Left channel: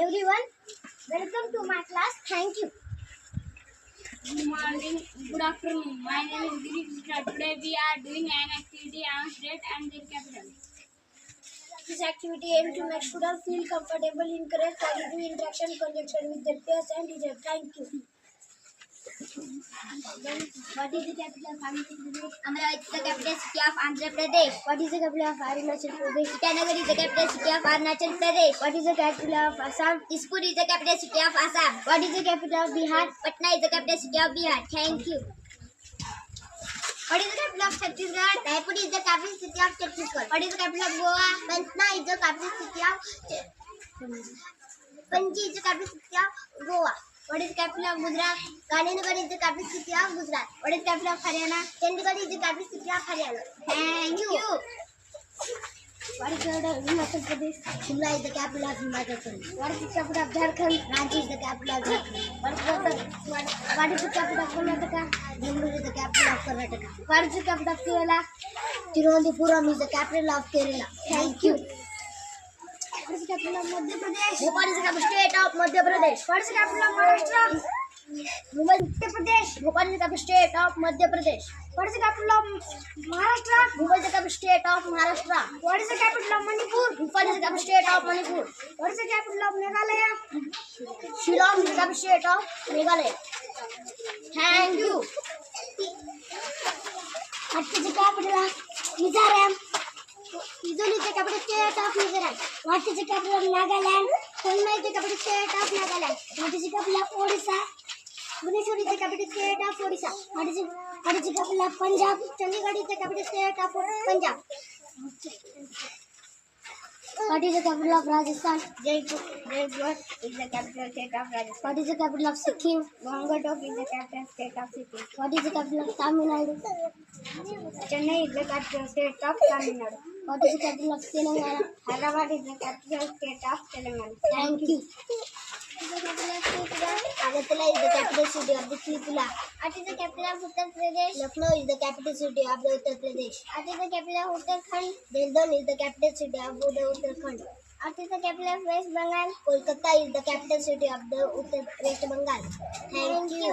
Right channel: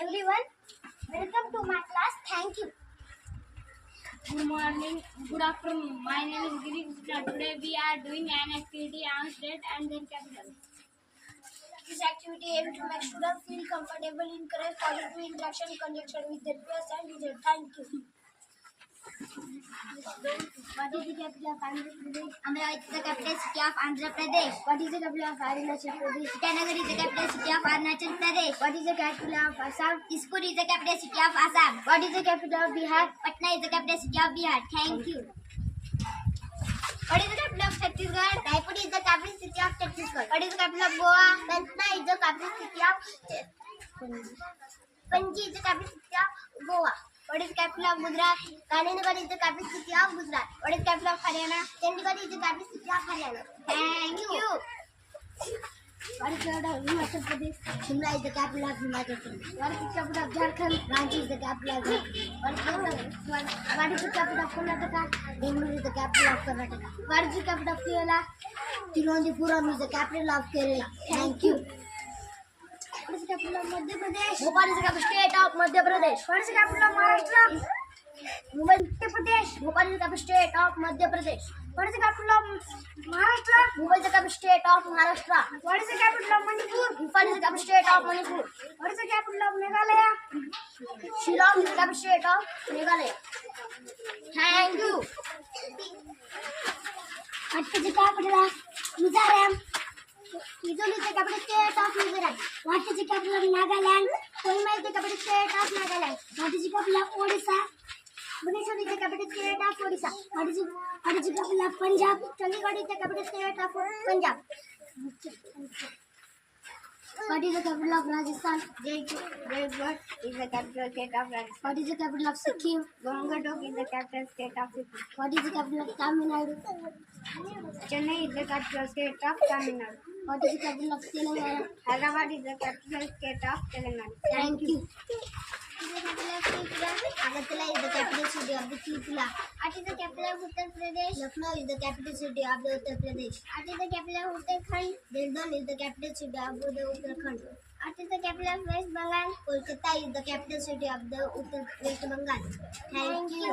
everyone. Welcome to my class. Thank you. Good morning, good afternoon. My name is Girish. Today we are doing an activity on state and their capital. This activity aims to make students feel comfortable, encourage positive interaction, conjunction with their peers and teachers. Thank you. What is the capital of Andhra Pradesh? Amravati is the capital city of Andhra Pradesh. What is the capital of Arunachal Pradesh? Itanagar is the capital city of Arunachal Pradesh. What is the capital of Assam? Dispur is the capital city of Assam. What is the capital of Bihar? Patna is the capital city of Bihar. Thank you. What is the capital of Chhattisgarh? Raipur is the capital city of Chhattisgarh. What is the capital of Goa? Patna is the capital city of Panji is the capital city of Goa. What is the capital of Gujarat? Gandhinagar is the capital city of Gujarat. What is the capital of Haryana? Chandigarh is the capital city of Haryana. Thank you. What is the capital of Himachal Pradesh? Shimla is the capital of Himachal Pradesh. What is the capital of Jharkhand? Ranchi is the capital of Jharkhand. What is the capital of Karnataka? Bangalore is the capital of Karnataka. What is the capital of Kerala? Tiruvananthapuram is the capital of Kerala. Thank you. What is the capital of Madhya Pradesh? Bhopal is the capital state of Madhya Pradesh. What is the capital of Maharashtra? Mumbai, Uttar Pradesh. Bhopal is the capital state of Madhya Pradesh. What is the capital of Maharashtra? Mumbai is the capital state of Maharashtra. What is the capital of Manipur? Imphal is the capital state of Manipur. What is the capital of Meghalaya? Shillong is the capital state of Meghalaya. Thank you. What is the capital of Mizoram? Mizoram is the capital state of Mizoram. What is the capital of Nagaland? Kohima is the capital state of Nagaland. What is the capital of Odisha? Bhubaneswar is the capital state of Odisha. What is the capital of Punjab? Chandigarh is the capital state of Punjab. What is the capital of Rajasthan? Jaipur is the capital state of Rajasthan. What is the capital of Sikkim? Gangatokh is the capital state of Sikkim. What is the capital of Tamil Nadu? Chennai is the capital state of Tamil Nadu. What is the capital of Telangana? Hyderabad is the capital state of Telangana. Thank you. Agartala is the capital city of the Tripura. What is the capital of Uttar Pradesh? Lucknow is the capital city of the Uttar Pradesh. What is the capital of Uttarakhand? Delhi is the capital city of the Uttarakhand. What is the capital of West Bengal? Kolkata is the capital city of the West Bengal. Thank you.